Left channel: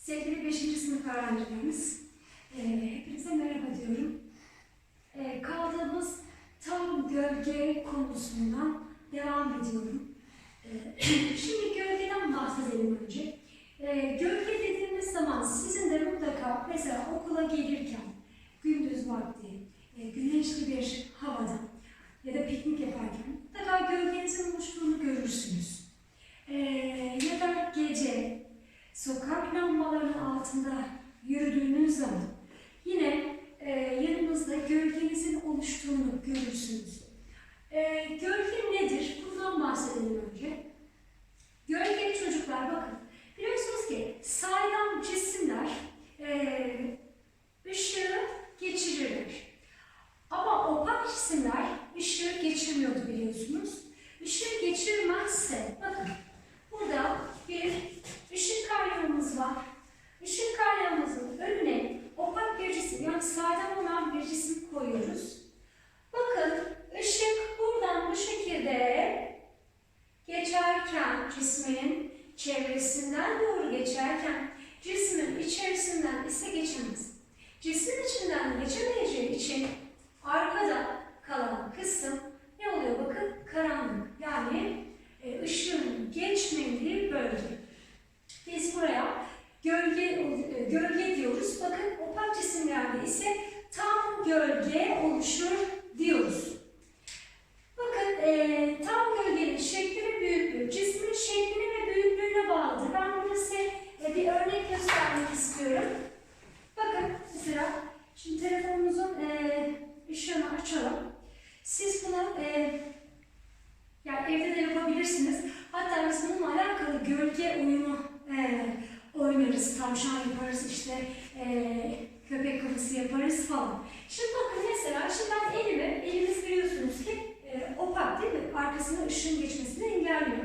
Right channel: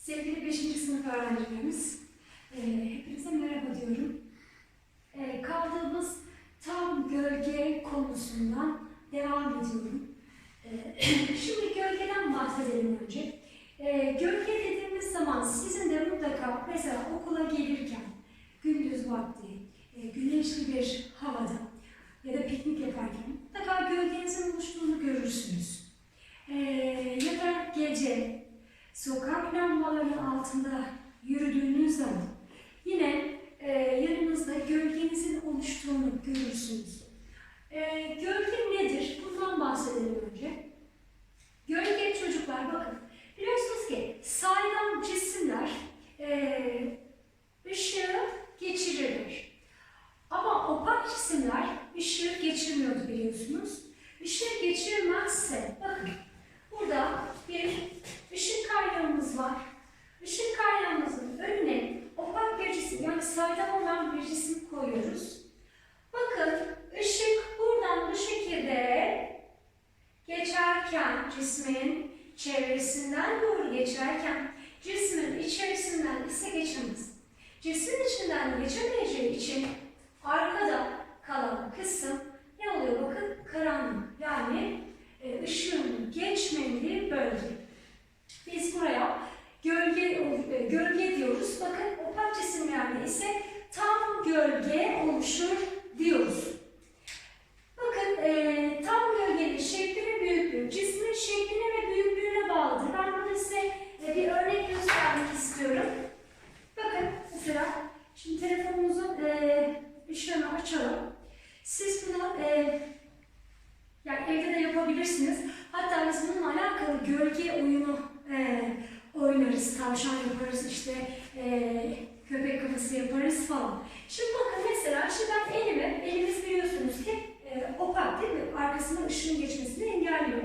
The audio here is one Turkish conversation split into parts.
Sevgili 5. sınıf öğrencilerimiz, e, hepinize merhaba diyorum. E, kaldığımız tam gölge konusundan devam ediyorum. E, şimdi gölgeden bahsedelim önce. E, gölge dediğimiz zaman sizin de mutlaka mesela okula gelirken gündüz vakti, e, güneşli bir hava, uçalım. Siz bunu e, yani evde de yapabilirsiniz. Hatta biz bununla alakalı gölge oyunu e, oynarız, tavşan yaparız, işte e, köpek kafası yaparız falan. Şimdi bakın mesela şimdi ben elime, eliniz biliyorsunuz ki e, opak değil mi? Arkasına ışığın geçmesini engelliyor.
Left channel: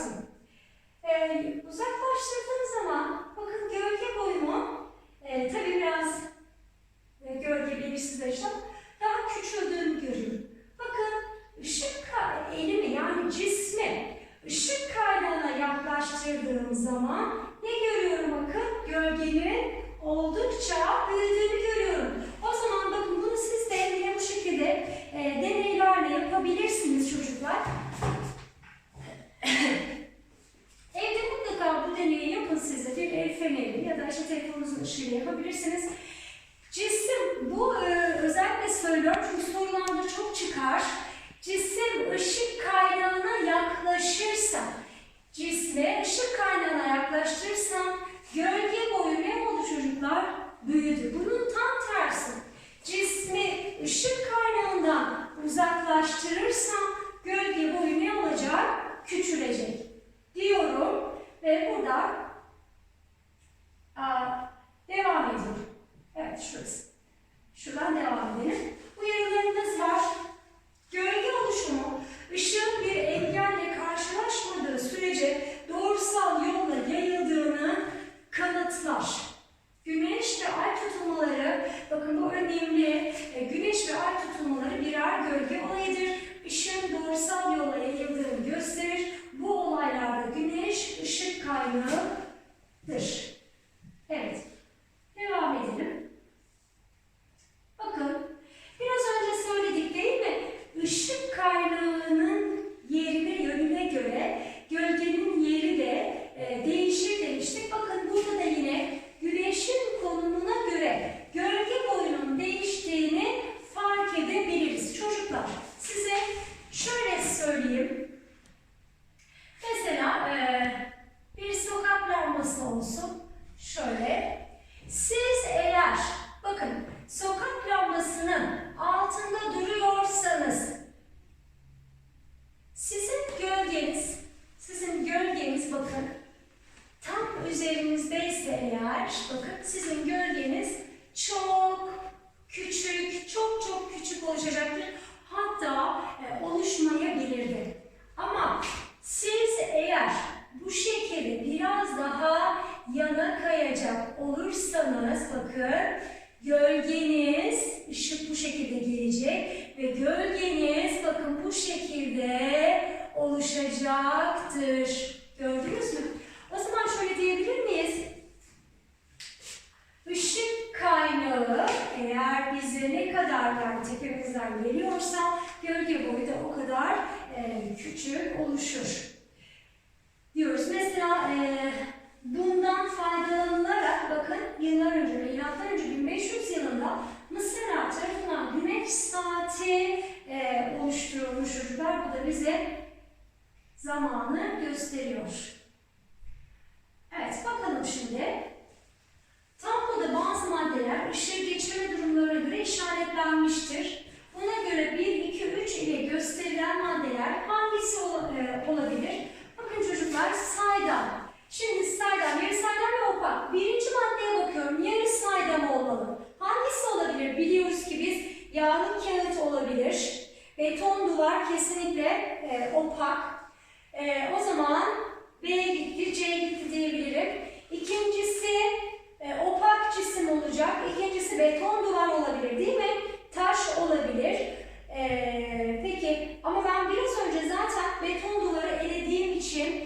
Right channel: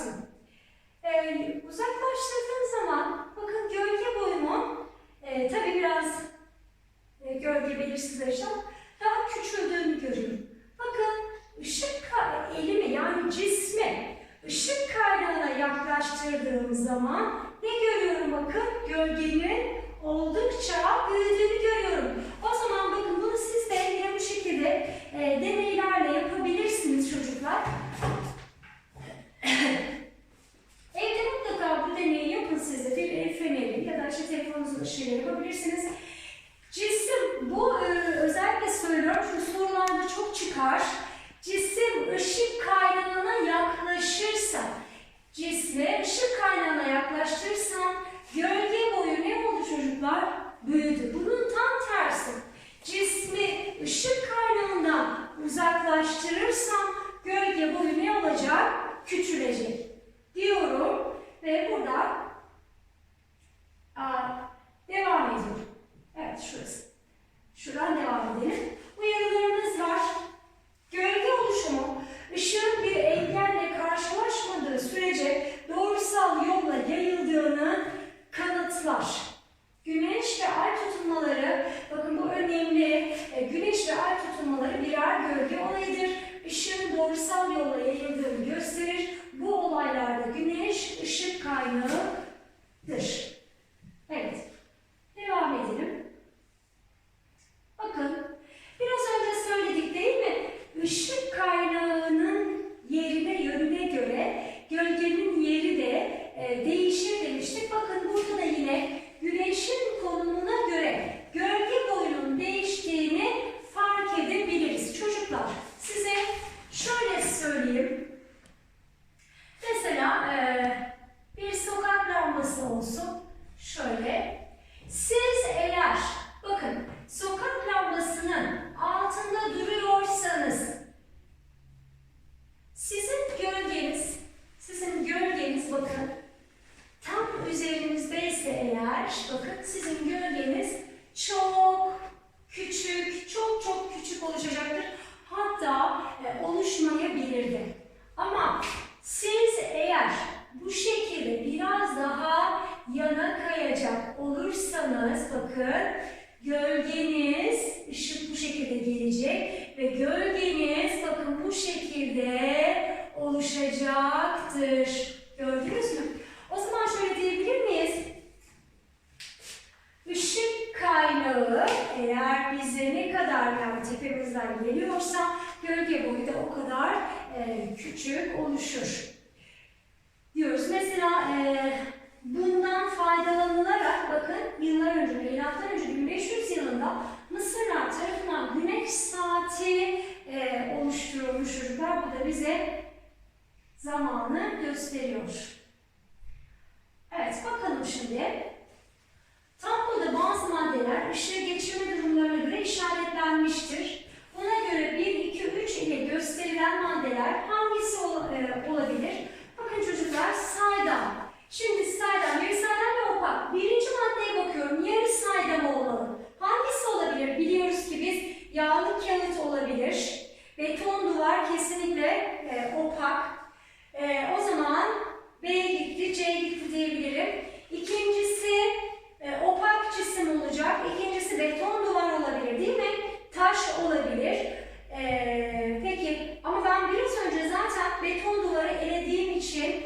Jackson. Işık kaynağıdır. Evet, devam edelim. Bakın, biraz önce söyledik değil mi? Işık kaynağının yerine, yönüne göre gölgenin yeri de e, değişir demiştik. Bakın burada da yine güneşin konumuna göre gölge boyunun değiştiğini fark edebiliriz. Çocuklar size şöyle söyleyeyim. Mesela e, bir sokak lambası olsun. Şöyle. Siz eğer bakın sokak lambasının altında duruyorsanız sizin gölgeniz sizin gölgeniz bakın tam üzerinizdeyse eğer bakın sizin gölgeniz çok küçük, çok çok küçük oluşacaktır. Hatta e, oluşmayabilirdi. Ama siz eğer bu şekilde biraz daha yana kayacak olursanız bakın gölgeniz ışık bu şekilde gelecek ve gölgeniz bakın bu şekilde oluşacaktır. Gördünüz mü? O zaman şöyle diyebilir miyiz? Işık kaynağı eğer bize ne kadar yani tepemizden geliyorsa gölge boyu da o kadar e, küçük oluşur. Diyoruz. Mesela e, bundan faydalanılarak bakın yıllar önce, milattan önce 1500 yılında Mısırlar tarafından güneş saati e, oluşturulmuş çocuklar. Bu da bize zamanı gösteriyor. Evet bakalım şimdi. Tabloda bazı maddeler ışığı geçirme durumlarına göre işaretlenmiştir. Buna göre 1, 2, 3 ile gösterilen maddeler hangisi ola- e, olabilir? Bakın çocuklar saydam. Şimdi saydam, yarı saydam ve opak. Birinci maddeye bakıyorum. Yarı saydam olmalı. Hangisi olabilir? Biliyoruz ki biz yağlı kağıt olabilir. Beton duvar kesinlikle e, opak. E, o zaman B gitti, C gitti diyebilirim. İkincisi e, opak cisim olacak. İkincisi beton duvar olabilir değil mi? Taş olabilir. E, peki ama ben biraz önce zaten beton duvarı elediğim için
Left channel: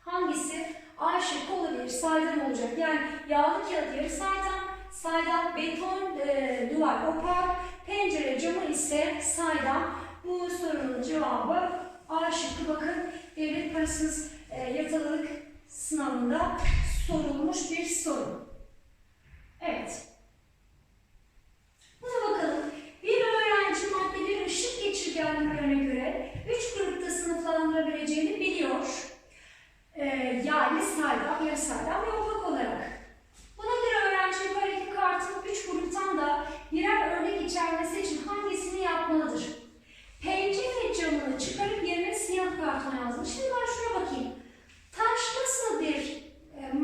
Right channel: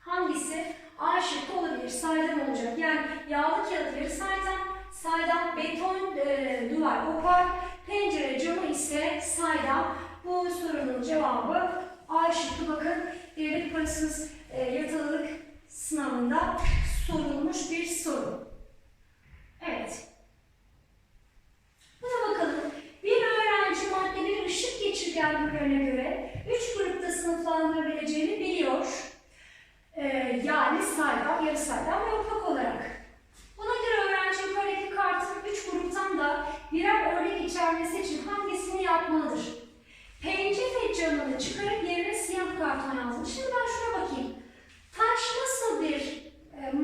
hangisi? A şıkkı olabilir. Saydam olacak. Yani yağlı kağıt yarı saydam, saydam, beton e, duvar opak, pencere camı ise saydam. Bu sorunun cevabı A şıkkı. Bakın devlet parasız e, yatalılık sınavında sorulmuş bir soru. Evet. Buna bakalım. Bir öğrenci maddelerin ışık geçirgenliklerine göre üç grupta sınıflandırabileceğini biliyor. Ee, yani saydam, yarı saydam ve opak olarak. Buna göre öğrenci yukarıdaki kartın üç gruptan da birer örnek içermesi için hangisini yapmalıdır? Pencere camını çıkarıp yerine siyah karton yazmış. Şimdi ben şuna bakayım. Taş